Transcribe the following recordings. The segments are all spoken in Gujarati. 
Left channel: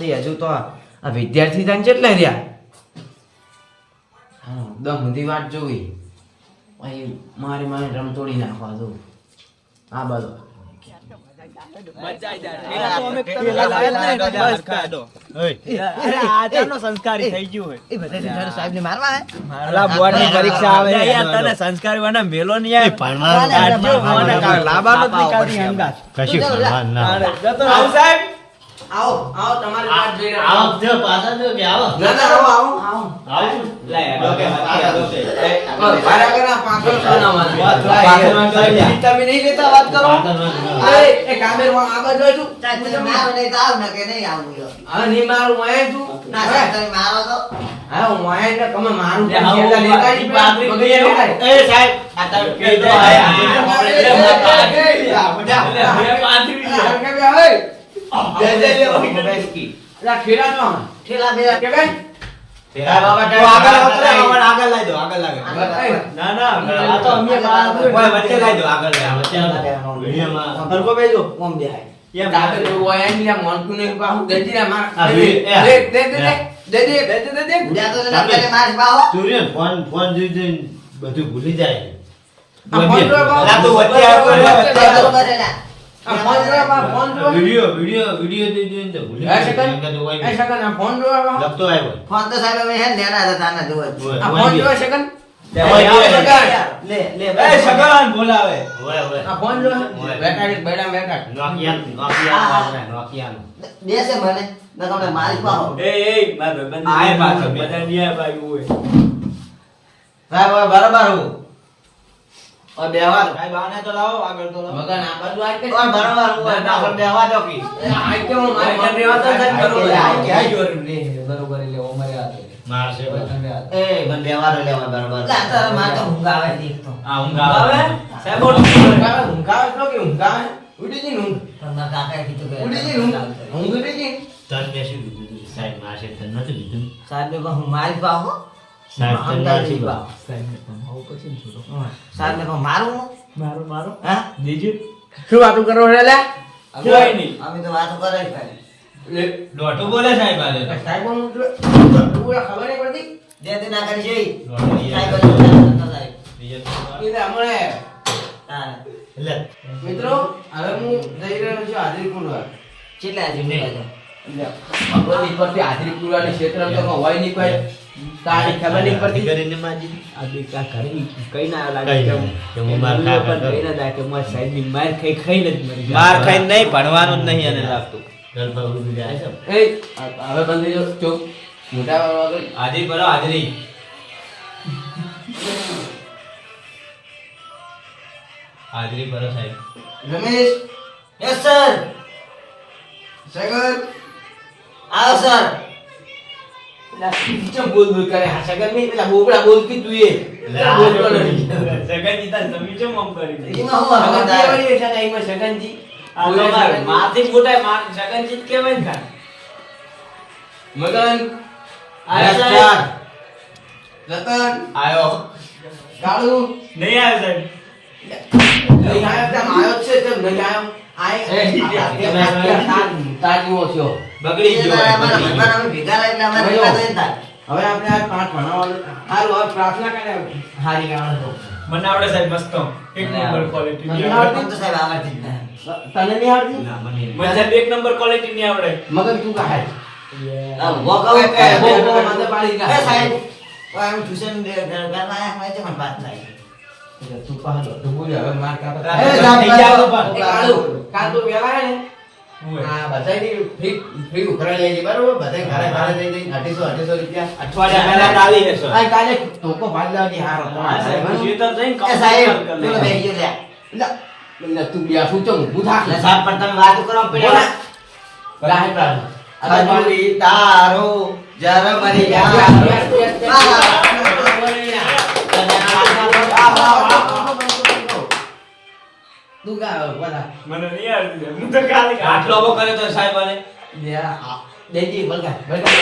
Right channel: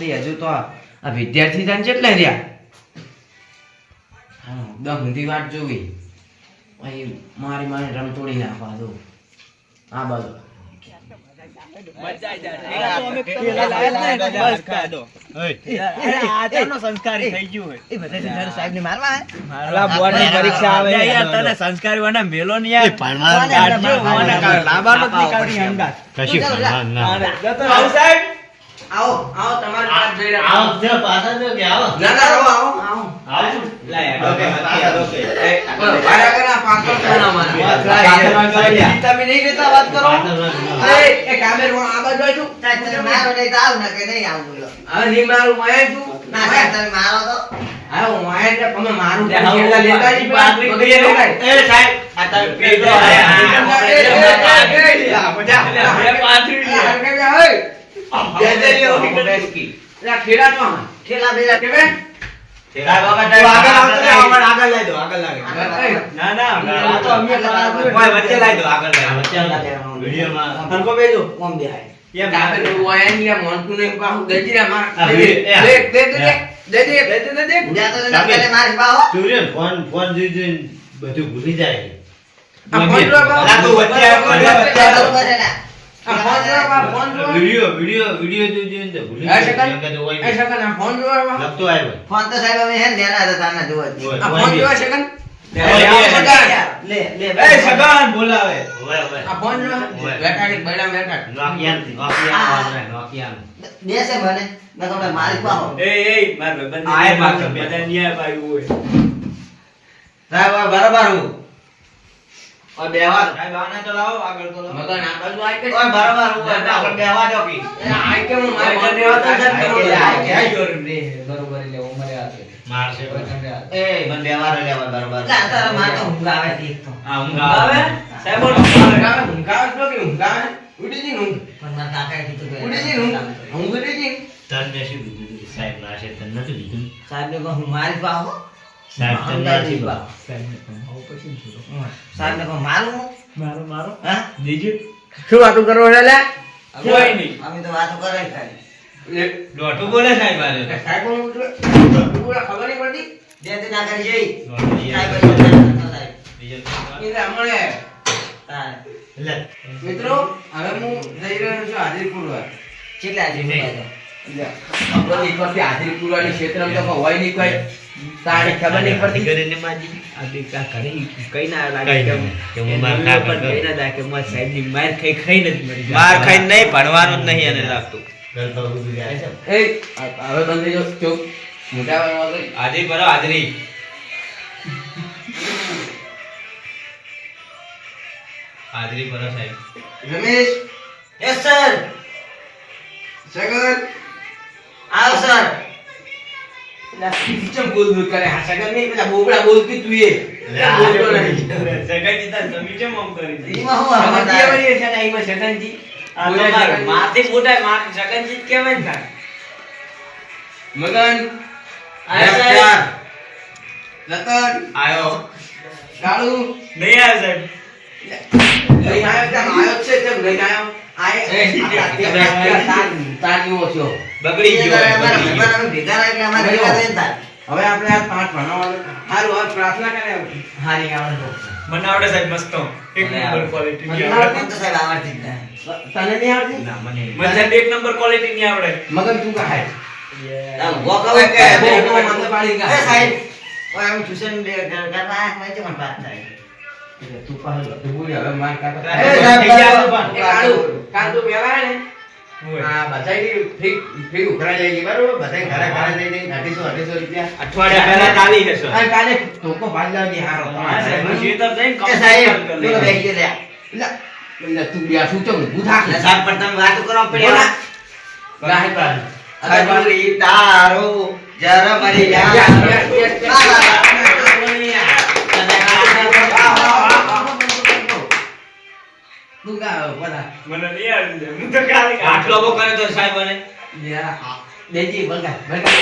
આવતી હજુ તો આ વિદ્યાર્થી તને કેટલા રહ્યા. હા દમ ઊંધી વાત જોવી. અહીં મારી મારી રમતોડી નાખવા દો. આ બાજુ. સંસ્કારી આવે ની આવો, ના. તમારી વાત જોઈ રહ્યા. આવો. જો પાછા જો કે આવો. ના ના આવો આવો. આવો. આવો છું. એ, ભાડા કરો, પાછળ ખાના મારે. તમે નહીં કહેતા વાત કરો. એ, એ કામેરમાં આગળ બેઠું. સાહેબ, તને મારો નહીં આવ ને કે નહીં આવું લ્યો. હા, નહીં મારું મોયે છું. ના તને મારો તો. હા, હું મોયે એટલે તમે મારું લે, લેતા નહીં, પાતળી કરી લેતા. એ સાહેબ આ તમે પેલો આયા. આ ઠેલા તો બધું ભૂલી જાય. વીડિયો વીડિયો વીડિયો જોઈ જોઈને તો ભૂલી એ, જાય સેકન્ડ. નકર તો હોય એ, સેકન્ડ, આ ફોન જોવા લખતો આવ્યો ફોન તો સાહેબ અમે હે ને હતા તારના જોવા આ ફોન જોવા સેકન્ડ. લે, લે, સેકન્ડ. લે લે એ, સગન બોલાવે. હોય, હોય. આ ફોન જોવા. હોય. બેઠા બેઠા બેઠા. નોકિયાનું- નોકિયાનું દેશે મને મેં કહું મારી પાહો એ, એ, મારા ભાઈબંધ આય પાછો, બધા ન્યાય પાડ્યું હોય. સાહેબ, બરોબર હું. હવે બેહવા દો. સાહેબ, આને તો લાવો, આગળ તો લાવો. મગન આ બાજુ આય કે? ઓય બરોબર હું ના, ના, આપણે બેહવા દો કી એ, કે હું મારી ઘરે બેહવા તો સાહેબ, સાહેબ, બરોબર. આય કે, આય. મારશે એ બંધ બેહવા દો લેવા બરોબર લા તારા માં તો ઊંઘ આવે છે તો આ ઊંઘ આવે? આવે. સાહેબ, ઓલું ઊંઘાવે, ઊંઘાવે તો કે ઊંઘાવે? ઉડી જઈને ઊંઘ. પણ મારા કાકાએ કીધું કે ઉડી જઈને ઊંઘ. ઊંઘ ઉડી જઈને. તને શું કીધું હતું? સાહેબ મારશે તને નતું કીધું સાહેબ ને કહું મારી પાહો સાહેબ પણ મારું? મારો મારો? હા? શું વાતું કરો લે? કોઈ નહીં. અમે તો વાતો કરે જ ખાલી બોલે સાહેબ તો. સાહેબ બોલે ખબર નહીં પડતી? જે તે ના કરી જઈ. સાહેબ એ ના ના લાય. બીજો એ તો હમણે તારે. મિત્રો હવે હું જઈ રહ્યો છું હાજરી પૂરવા કેટલા છે હાજરી પૂરવાની ક્ષેત્રમાં તો હોય નહીં કોઈ. તારી ખબર નહીં પડતી. કરીને માજી. આ દીકરા ઘરે કઈ ના લાગે કે હું માર એમનું કાકા કઈ ના લાગે, મારા સાહેબની માર ખાઈ ખાઈને જ મરી માર ખાઈને નહીં ભણવાનું જ નહીં એને લાગતું. ઘર પર ઊભી જાય છે. એ હવે તમે જો ચોક મોટા વાળા હાજરી ભરો હાજરી. હાજરી ભરો સાહેબ. રમેશ. યસ સર સગન આવો સર. ચમ બોલ બોલ કરે? હા સગન નહીં પેલા બોબડા બોલતી તું એ. નહીં. તાર આમ કરી એમાં હું હવે આવે? છે ને એમાં સગનજી. આ બોલે તમારે મોટા માર સગાઈ જ થાય મગન. આયા ચાર. સાહેબ. રતન. આયો. કાળુ નહીં આવ્યો સાહેબ. લઈને આવ્યો તેમ આવ્યો છે તેમ આવ્યો આય. તાર- તાર જેવો થયો. બગડી ગયો ભેગા એટલે અમારે ભેગા થઈને થાય. હવે આપણે આ પાઠ ભણવાનું સારું હવે પ્રાર્થના કરે હારી આવડે તો મને આવડે સાહેબ મસ્ત. એક નંબર ક્વોલિટી મને આવડે. તો સાહેબ આવડતી તને નહીં આવડતી? ના, મને મને સાહેબ એક નંબર ક્વોલિટી નહીં આવડે. મગર તું કહે આ ઊભો કહું કે. મને પાડી એ કાઢ. સાહેબ ઓય અમે ટ્યુશન કરવા આવ્યા હોય છે પણ પાસ થાય? તું પાડો તું બોલી હવે માર કાકા એ કાલ તું આય ને હોય. આ બધાયની ફી ફી ઉઘરાઈ જાય છે બરોબર? બધાય ઘરે ઘરે દઈ દઈ અઢીસો અઢીસો રૂપિયા. અઠવાડિયા ચાલી હશે. આ કાલે ધોકો ભાઈ લાવજે હારો હા, સાહેબ, હું જઈને તું બેઠું તો ઊભું થાક. એટલે સાહેબ પણ તમે વાતો કરો પેલા રાહત રાહત તારો જર મરી યસ, તું ગા બોલા. મને નહીં આવડતું હું તો ખાલી આટલો બો કરે તો સાહેબ અને? દેજી બલગા બલગા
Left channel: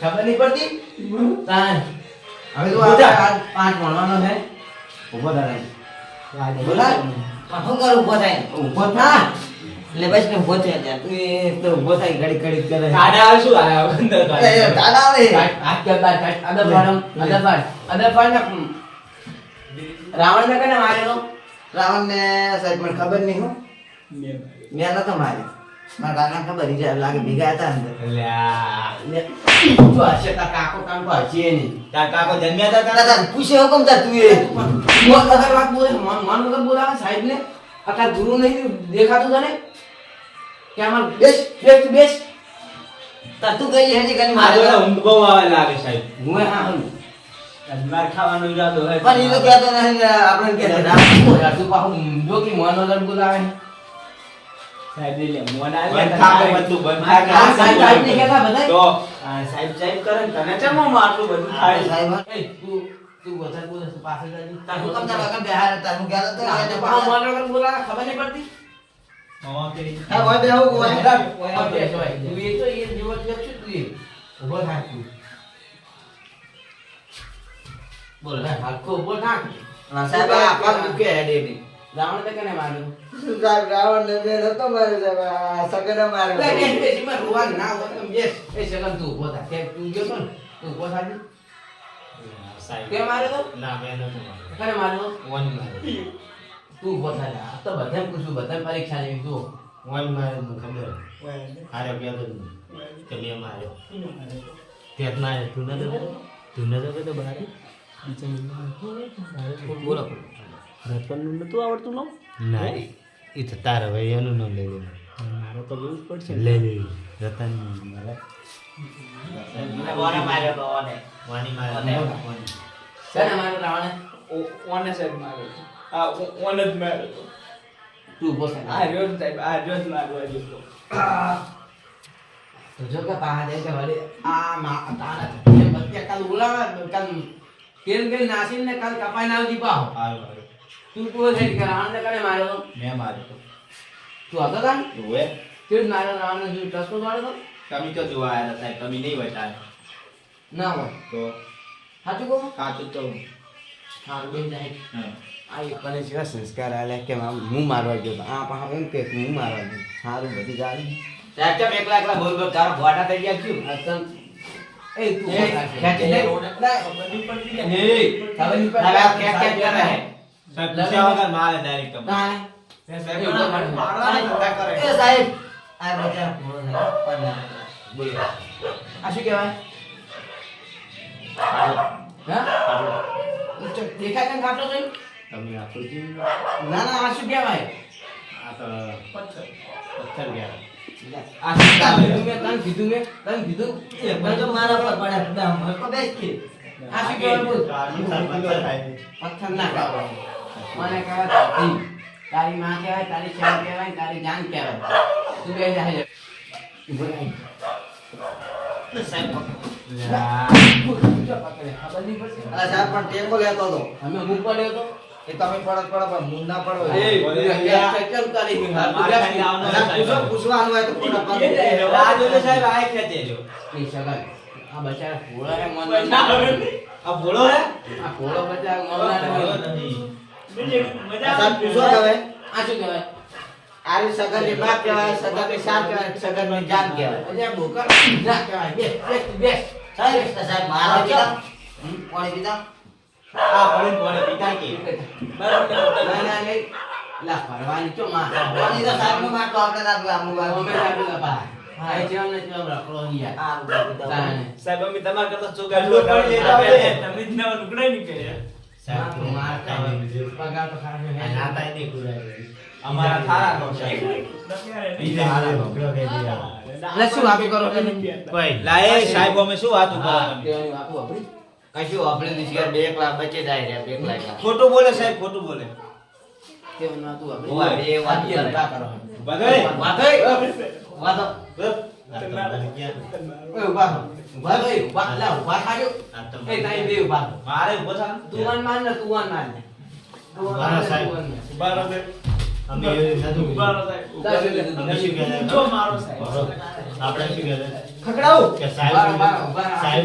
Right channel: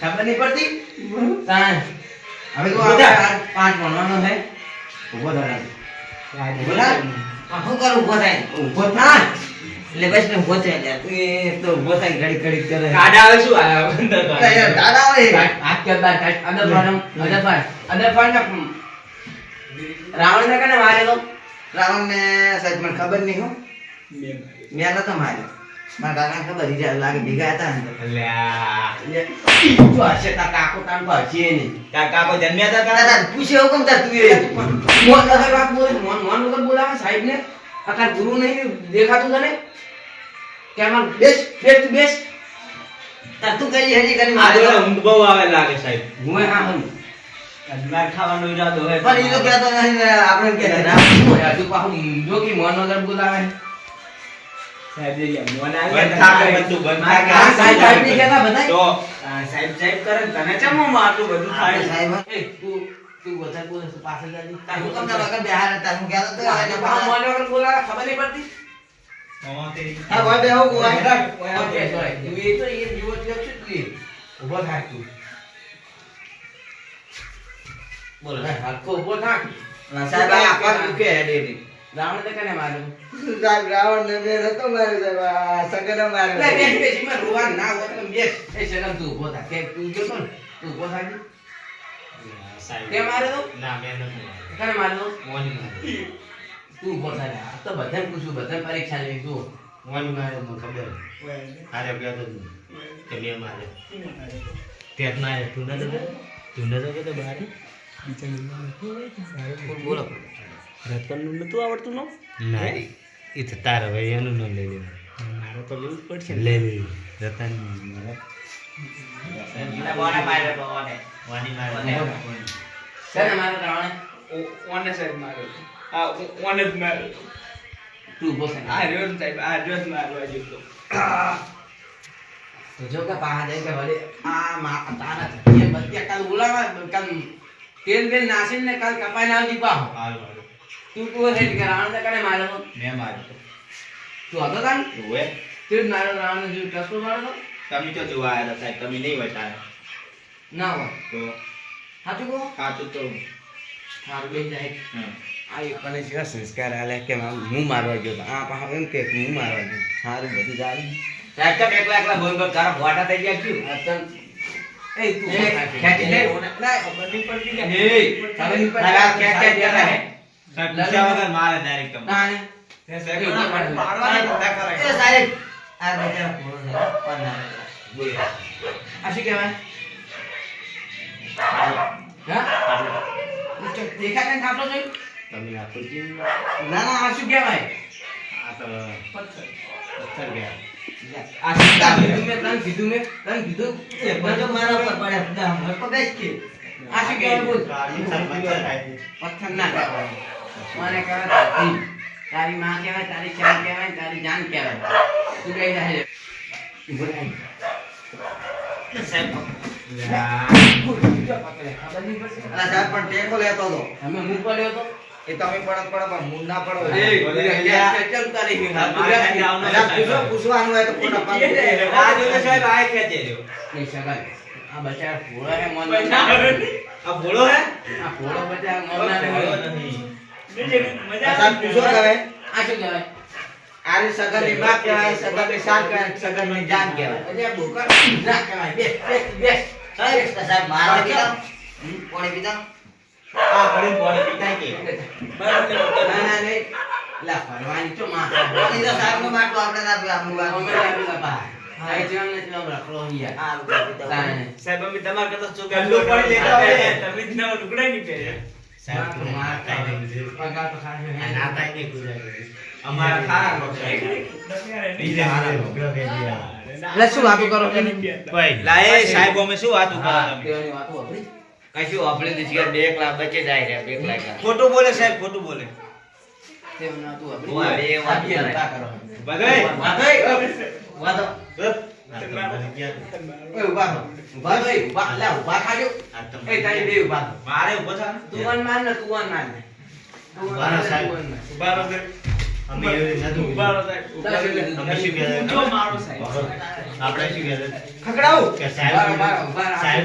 ખબર નહીં પડતી? તાન હવે તો આ પાંચ ભણવાનો છે. ઊભો થા. બોલા. શું કરું ઊભો થાય? ઊભો થા. એટલે બસ ને ઊભો થાય. તું એ તો ઊભો થાય ઘડીક ઘડીક કરે. કાડા આવે શું આયા અંદર દાડા આવે. હાથ કરતા અંદર કાટ. અંદર ફાડ અંદર ફાડ. રાવણ ને. કને માર્યો તો? રાવણને સાહેબ મને ખબર નહીં હો મેં નતો માર્યો મારા કાકાને ખબર ઈ લાગે ભેગા હતા ને તો. હશે તાર કાકો તાર કો હશે નહીં. તારા કાકો જન્મ્યા હતા તારા? પૂછે હુકમ તા તું એ મોન વગર વાત બોલે, મોન- મોન વગર બોલાવે સાહેબને? આ તાર ગુરુ નહીં દેખાતું તને? કે આમાં બેસ, બેસ, તું બેસ. તાર તું કઈ હજી કરી મારે ઊંઘ બહુ આવે લાગે સાહેબ હું હા હમ. માર ખાવાનો ઈરાદો હોય પણ ઈ તો કહેતો નથી ને આપણે કે કે રામ તું પાછું જો કે મોન વગર બોલાવે. સાહેબ એ મોન બંધ થાકે બધું, બંધ થાકે. સાહેબ સાહેબ નહીં કહેતા બધાય? તો સાહેબ સાહેબ કરે ને તને ચમ આટલું બધું થાય સાહેબ એ, તું તું વધારે બોલે પાછળ જાજે. તાર હુકમ ના વગર બેહાર તાર હું કહેતો તો આ એને તો પાછું મોન વગર બોલાવે, ખબર નહીં પડતી? મામાથી હા ભાઈ બે હું કોઈ ઓય. તું એ તો જેવો થયો છે તું. ઊભો થાક તું. બોલ, હે, હરખો ઊભો થાક. સાહેબ આ પગ દુખે હેડે હેડે. રાવણ તે કને માર્યો? સાહેબ રાવણ ને બે નતો માર્યો સાહેબ સગન લે, માર્યો બેસ, એમાં રોવાનું ના હોય તો બેસ. એ શરમ તું ઊભો થાક. કેમ તું ગયો તો ને? તું ઊભો થાક. તે માર્યો તો? ના મેં નતું માર્યું. કને માર્યો? ઓની માર્યો. તું ઊભો થાક. આ તો બધાને પૂછું, બધાને પરીક્ષા લેવી તું. ઓની માર્યો મને ખબર. હારે જ નહીં. કે મેં માર્યો. તે જ માર્યો. તું નતો કહેતો? તું નતો કહેતો બહાર? બોલો. ના, ઈ તો તારે ભાઈ એનું નામ લઈ લેવાનું. લઈ લે. રતન મારા. તો ઓને જ સાહેબ આ રહ્યો મારવા જો કે પાહા જાય કે વળી આ તારા એ કાલ ઉલાવા કાલ તેલ બેલ નાસીને કાલ કપાઈ ના દીપા હારું. તું તું છે કે રાવણ ને કને માર્યો? મેં માર્યો તો. હતો તાન? ઓવે. તું માર્યો રાવણ ને જીવ ટસકો માર્યો તો તમે તો જોવા આવ્યા હતા સાહેબ તમે નહીં બતાવ્યા ના હોય. તો? સાચું કહો? સાચું તો. સારું બેન જાય. આ એક કને છે સંસ્કાર આલે કે હું મારવા ગયો તો. આ પા એમ કે હું મારવા ગયો. સારું બધું જાય સાહેબ એકલા એકલા બોલ બોલ તારા ભોટા થઈ ગયા ક્યું અતન એ તું ખેંચી લે ના ખબર નહીં પડતી કે એ ખબર નહીં પડતી આ ક્યાં ક્યાં ક્યાં રહે? સાહેબ પૂછ્યા વગર મારે direct તમને. ના ને સાહેબ એ ઊભા કરે. મારવાના ધંધા કરે એ સાહેબ આ બચારા પણ ના બોલો આ શું કહેવાય હા દેખાય ને ખાતો છે તમે આ ના ના આ શું કહેવાય આ તો પથ્થર ગયા આ કીધું મેં તને કીધું મેં તને કીધું. એ બધો મારા પર પડ્યા બધા મને તો બેસ કે. આ શું કહેવાય બોલ? પથ્થર ના કહેવાય મને કહેવાય તારી માં કહેવાય તારી ચાલ કહેવાય તારી જાન કહેવાય. તું કઈ જાય સાહેબ પણ ટેકો લેતો હતો અમે હું પડ્યો તો? એ તમે પડત પડો પણ હું ના પડો એ, ચાલ, ચાલ, તારી હિંમત. મારે ખાઈને આવવાનું પૂછો- પૂછવાનું હોય તો પાડો. આ જોજો સાહેબ આ ખેંચે જો કે સગા આ બચારા ભોળો હે, મન આ ભોળો હે? આ ભોળો બચારા મન ના. આ સાહેબ પૂછો હવે આ શું કહેવાય? આરી સગનની બાપ કહેવાય સગનની સાત કહેવાય સગનની જાન કહેવાય. આ બોકા ના કહેવાય. બે બે બે સાહેબ મારા કીધા પાણી પીતા આ કરીને પાણી પીતાય કે ના, ના, નહીં. લા, ફરવાની ચો માથા. પાણી તો સાહેબનો માટલો આપણે ના પીવા, અમુક વાર. અમે લાગેલા બા. હા, એ જીવન ને જીવન રાખલો યાર. હા, પીતા, પીતા. તાણે. સાહેબ અમે તમારા કરતા શું ગલ્લો પાણી લેતા હોય. તમે જ નવા લુગડાય નહીં પહેર્યા સાહેબ ખાઈ હોય. લેવું છે. પગાર તો ખાશે. આ નાતાય નહીં પૂરાય. અમારા ખારા લોકો સાહેબ. બીજા હારા લોકો કે આ. એટલે શું વાતો કરો છો ને? કોઈ લા એ સાહેબ અમે શું વાતું કરો તમે વાતો વાપરી. કશું આપણે નથી બે એકલા બચે જાય રે બે એકલા. ખોટું બોલે સાહેબ ખોટું બોલે તેવાની વાતો વાપરી. ઊભા બે વાતો આ કરે. વાતો કરો. બધાય વાતો ય- વાતો. આ તો મને ક્યાં? ઓય, ઊભા થો. ઊભા થો, એ ઊભા. લે, ઊભા થાજો. આ તો એ તારી બે ઊભા થો. મારે ઊભો થા તું વન માર ને તું વન માર ને. તું વન ઊભા માર રહો, ને, સાહેબ. તું વન માર. ઊભા રહો સાહેબ. અમે એવી રીતે નતું ઊભા રહો સાહેબ તારે શું. કે સાહેબ સાહેબ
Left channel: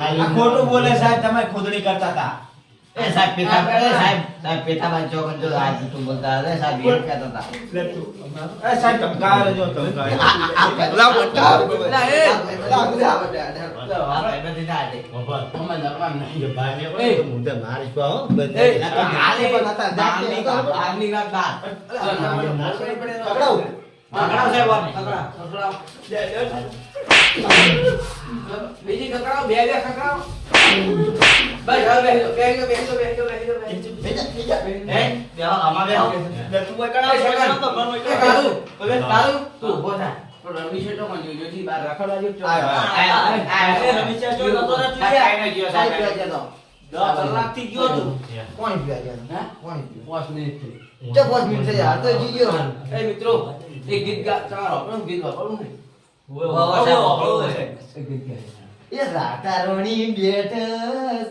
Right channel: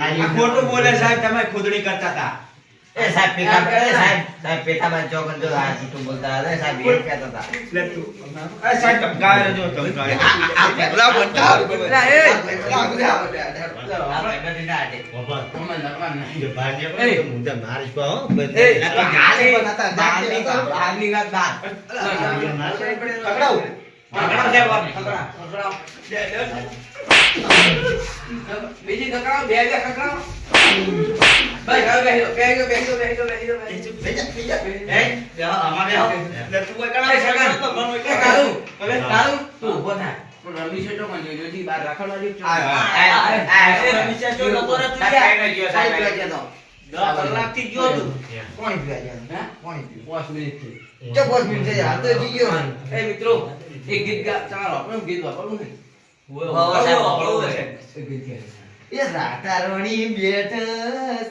આ ખોટું બોલે સાહેબ તમે ખોદણી કરતા હતા. એ સાહેબ પેટા એ સાહેબ સાહેબ. પેટામાં જો આ જૂઠું બોલતા હતા સાહેબ એ કહેતા હતા. લે તું એ સાહેબ ધમકાવે જો ધમકાવે આ પગલા બોલતા પેલા એ. આ પગલા બોલતા આ જો. આ. બીજી ખકડાવ, બે બે ખકડાવ. બસ, હવે બેસી જાઓ, બેસી જાઓ, બેસી જાઓ. બીજા બીજા હે? જા અમારે લે તું કોઈ કરાવ સગન, તો ઘણું એ કાળુ, હવે કાળુ, તું ઊભો થા. રમી છે તો પણ જોજો જી, બહાર રખડવા આય, આય, આય, આય. રમી છે તો નતો ને તું સાહેબ, ગયા. ગયો, સાહેબ દસ કલાકથી ગયો તું કોણ પીવા જતો? હા? કોણ પીવા? પાંચ મિનિટથી. જો પાંચ મિનિટ થઈ હાલ તો પી ગયો. એ મિત્રો એક ગીત ગા તમારે આપણું ગીત વાપરવું ને વાહ, વાહ, સાહેબ, વાપરવું છે. ગીત ગાય. એ રાતારોણી બેઠ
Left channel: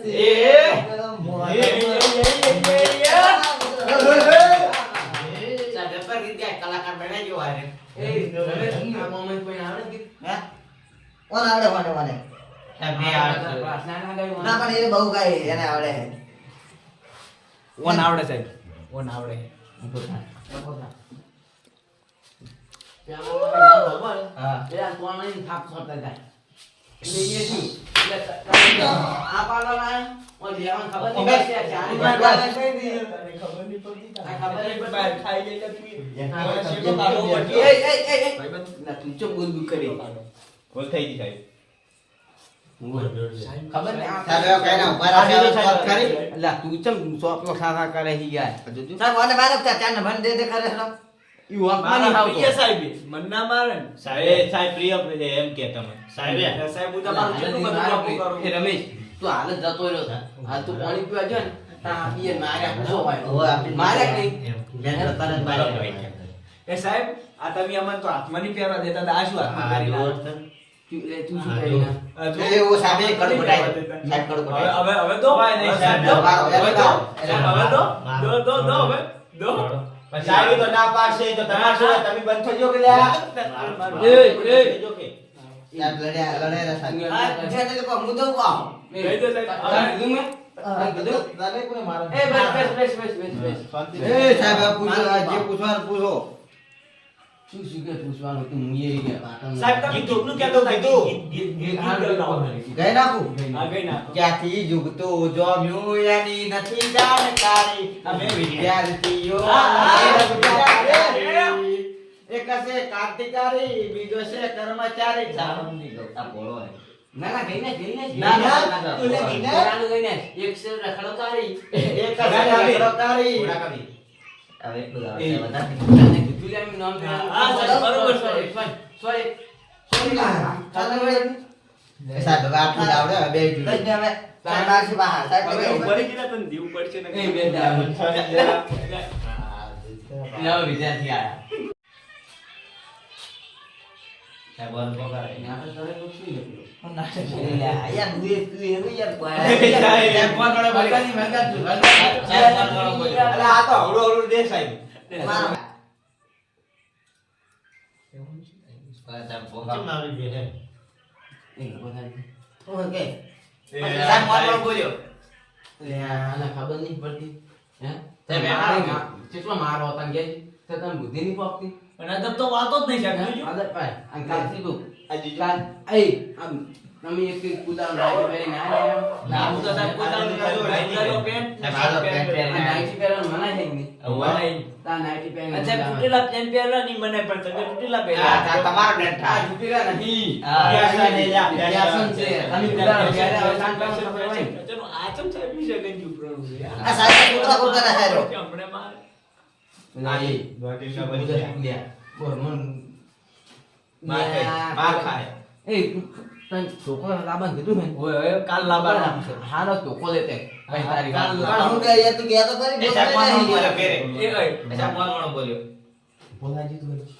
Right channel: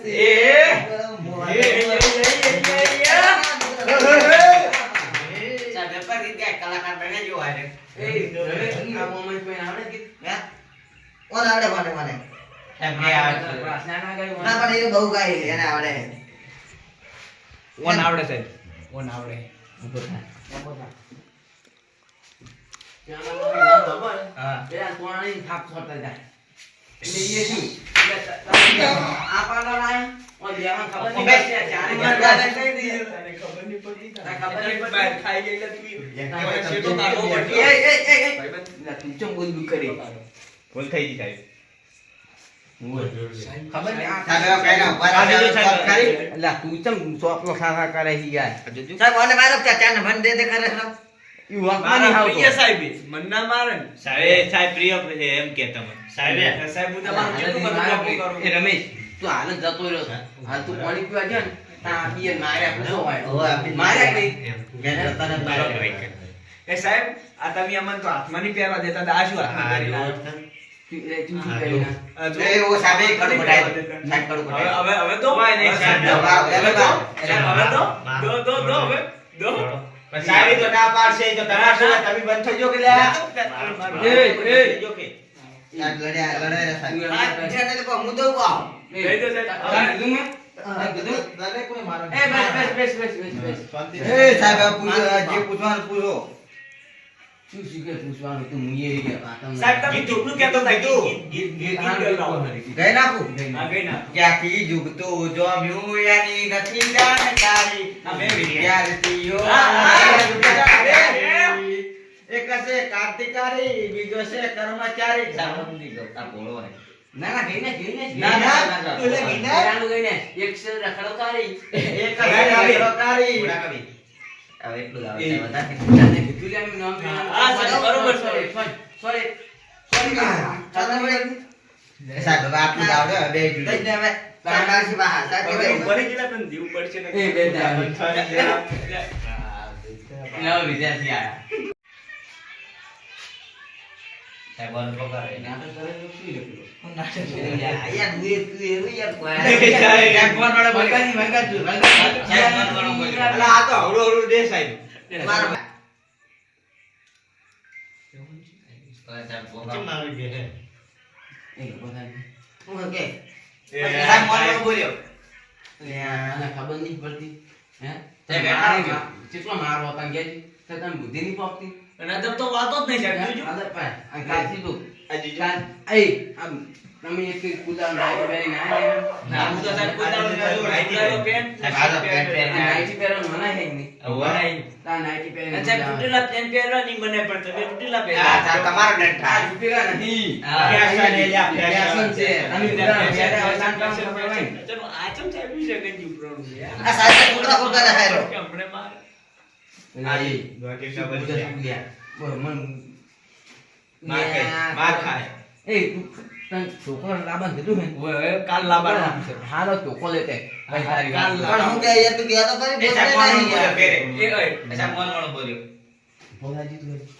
છે. એ. મોર એ, એ, એ, એ, એ, સાહેબ, પેપર ગીત ગાય, કલાકાર. એ આવડે ગીત? હે? આવડે? બે આવડે. ના ગાયું ના, મને. પણ એ બહુ ગાય, એને આવડે. ઓન આવડે સાહેબ ઓન આવડે ઊભો થાય, ઊભો થાય. ત્યાં ખબર? નહીં બે આ તોરણી થાપ છોડતા જાય. એટલે એ શું? એટલે ત- તમે આ પાડો લાયા? ઓય બેવાને ખબર નહીં પડતી, આ ચારે ઓબે. ગાય લઈ દઈએ. તને ખબર નહીં પડી આ ખબર નહીં પડતી. બહાર ખાઈ ગઈ એટલે તું ના, હવે પછી છેટો કાઢવો એ, પડ્યો. એ, એ, એ, એ. ભાઈબંધ. એટલે તું ચમ ઊંધું કરી? ભૂલ થઈ ગઈ સાહેબ ખબર સાહેબ, હવે કઈને ઊભા રહો, કરી. એટલે તું ચમ ચોપલો ખાખા કરે છે યાર? સાહેબ, ઓને મારો ચા- ચાને ભન દે દે કરે છે. મારા પ્રિય સાહેબ મન મારે સાહેબ સાહેબ પ્રિય એમ કે તમે. સાહેબ સાહેબ હું તમારું કેટલું બધું કરું? એ રમેશ. તું હાલ જતો રહ્યો છે. હાલ તું પાણી પીવા ગયો ને માર્યા પૂછો હોય. માર્યા? તરત એ સાહેબ આ તમે અમને તો હાથમાં નહીં પહેરવા દેતા હતા આ શું હાથમાં કરી આ જો. હવે તો ના પાડશે તો તમારે શું તમે બંધ થઈ જાઓ કે લ્યા? એ, એ. થઈ કે? લડ્યા, લડાયા સાહેબ. તું હા, તો કહું, હું દઉં કહી દો. સાહેબ. કીધું મેં? એ બસ બસ બસ બસ બસ. બસ. એ સાહેબ, પૂછો, જે પૂછવાનું પૂછો. શું શીખે પૂછવાનું તું ઈ ગયા પાટણ. સાહેબ તમે કેટલું કહેતો ગીત ગાઓ. ગઈ નાખું? ગઈ ના ક્યાંથી જુગતું જોમ્યું એની નથી જાણકારી અમે વિદ્યાર્થીઓ. એક છે કાર્તિકારી બીજો છે કર્મચારી સામંતી ગો આ ભોળો હે. ના ના ગઈને ગઈ ને ના, ના, તું લે ગઈ ને. પેલાનું ગઈ ને એક છે રખડોકારી. એક છે. અગ્રકારી. હવે એટલું જ આવે એ, તો હળુ તને દેશ આવ્યું નામ હા, હા, સાહેબ, બરોબર, sorry, sorry, sorry, sorry. ચાલો ભાઈ. સાહેબ હવે આટલું આવડે, બે જોડે. દઈ હવે. સાહેબ બહાર. સાહેબ ઉપર ગયેલા તને જીવ પડશે ને એ બે દાવ. વિદ્યાર્થી આયા. સાહેબ બંધ પકડાય. એને આપણે કરેલું શું લખ્યું? હું નાટક કરી લ્યા. યાર, તું બુદ્ધિ નહીં પોપતી અને અદબ તો વાતો જ નહીં તમે એક એક કુદાનો નાઈટી પહેરીને ના, હું તો સાહેબ પોતાનું કાઢું, રાઈટ કાઢો, પેન્ટ, સાહેબ, તો પેન્ટ આ પહેરીને નાઈટી મનાય છે નહીં. વણાઈ. તા નાઈટી પહેરીને અચ્છા, તૂટેલા પેન્ટ પહેરવા નહીં મને પણ તમે તૂટેલા હા, તમારો દંડ આ તૂટેલા નથી. હા. ફેશન એ ફેશન છે. તમે કુદાનો પહેરે હવે. હોય. ચલો, આ ચમ સાહેબ વિશે કઈ ઉપરણું છે, આ સાહેબ કૂતરા કૂતરા ના ખાય હમણે મારે. આ એ બની કુદા બોલ, મન માર ખાય, માર ખાય. એ તને છોકરો લાબાન કીધું મેં ઓય, ઓય, કાલ લાબાન છે. હારો ચોકો લેતે કાલ લાબાન હું કે યાર તું ગયા તો બોલ્યો યાર. ઘેરે. એ ઓય, એ સાહેબ ફોન વાળો બોલ્યો ભોલાજી તું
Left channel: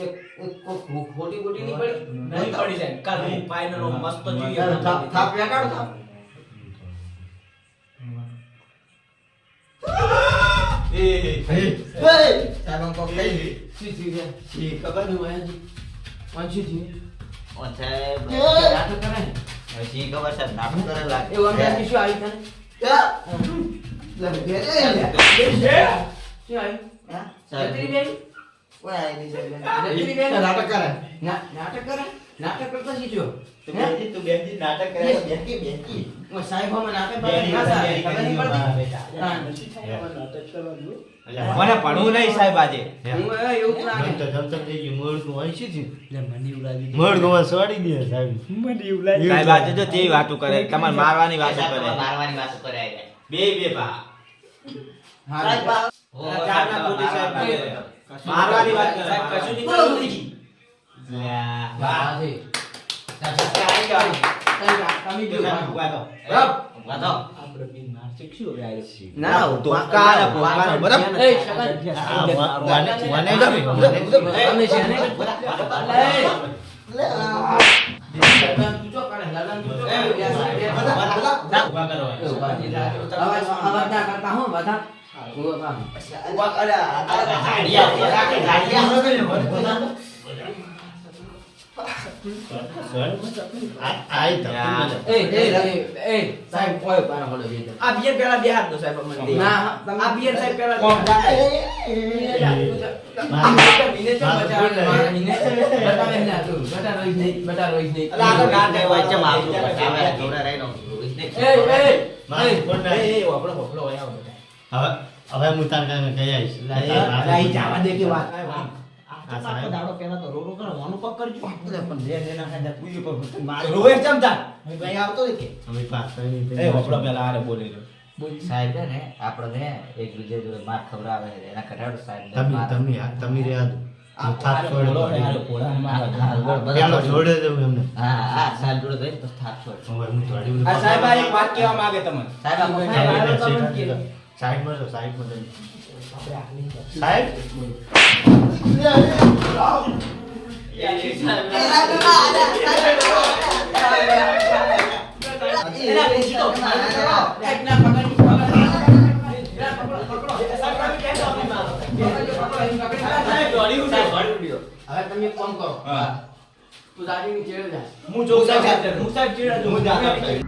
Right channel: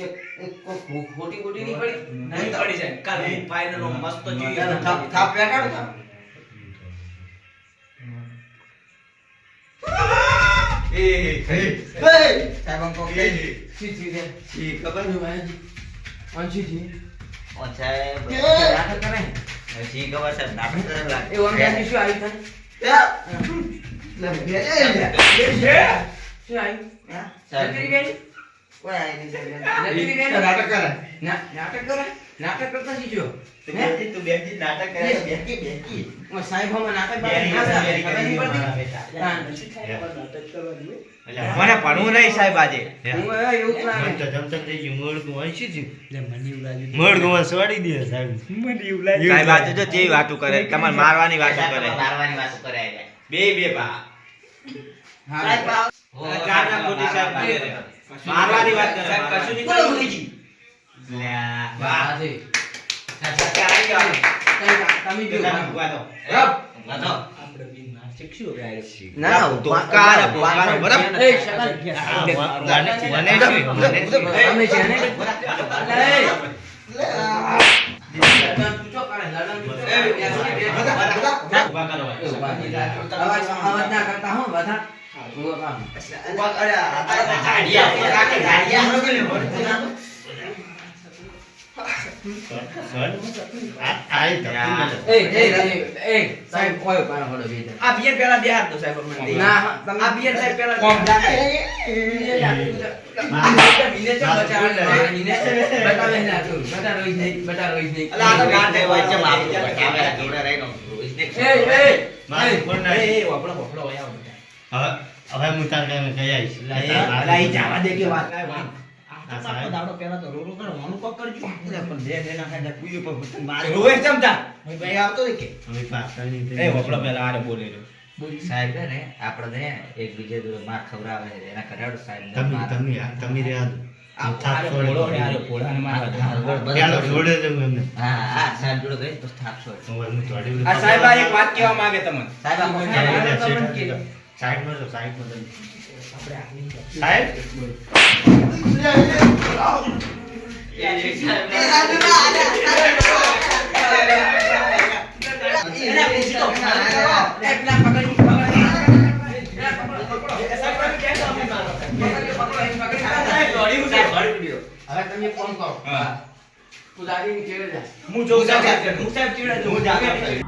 એક કોક ખો- ખોટી ખોટી નહીં પડી નહીં પડી જાય. કાલમાં મસ્ત જોઈએ. થાપ બેઠાડો થાપ. એ, એ, એ. હે! સાહેબ કહી દે. શી ચીજ હે? ખબર નહીં ભાઈ કોણ ચીજ? કરે. નાટક કરે? નાટક કરતા શીખ્યો? તું તું બેસી, નાટક કરે તો બેસી, બેસી. ઓ સાહેબ અમે નાટક બેરી, ના થાય. ખબર નહીં પડતી? બેરી, હા. એટલે મને ભણવું નહીં સાહેબ આજે હું એવું મને તો જમતમ થઈ ગયું મોડું હોય મોડું હોય સોડી દે સાહેબ સાહેબ આજે તો જેવી વાતો કરે તમારે મારવાની વાતો કરે મારવાની વાતો કરે બે બે હા. સાહેબ, બા- સાહેબ મારવાની વાત કરે. કશું નહીં બોલો. વાહ. કરતા હો બધા ઊભા થાઓ. ઊભા આ ગાડિયા, ગાડિયા. હવે હું તાર કઈ આવીશ. જવા દે કે વાત. આ સાહેબ. દાડો પહેલા તો રો રો કરો, વાનું કોક કરજો. પણ બે બે ના ખાધા, કુયું પર મારે. રોવે છે ચમચા. ભાઈ આવતો કે? હવે પાસ કરીને એ વપડો પહેલા વારે બોલે રહ્યો. સાહેબ ને આપણે ને એકબીજા જોડે માર ખવડાવે એના કટાડો સાહેબ તમે તમે તમે રહ્યા આ છોડી પેલો જોડે. એમને હા હા સાહેબ જોડે ગઈ તો થાક છોડ હું થોડી આ સાહેબ આ એક વાત કહેવા માંગે તમને સાહેબ. સાઈડમાં જો, સાઈડમાં સાહેબ હવે તમે ફોન કરો હા. પૂજારીની ચેડે જા હું જોઉં સાહેબ હું સાહેબ ચીડા. હું જાતો.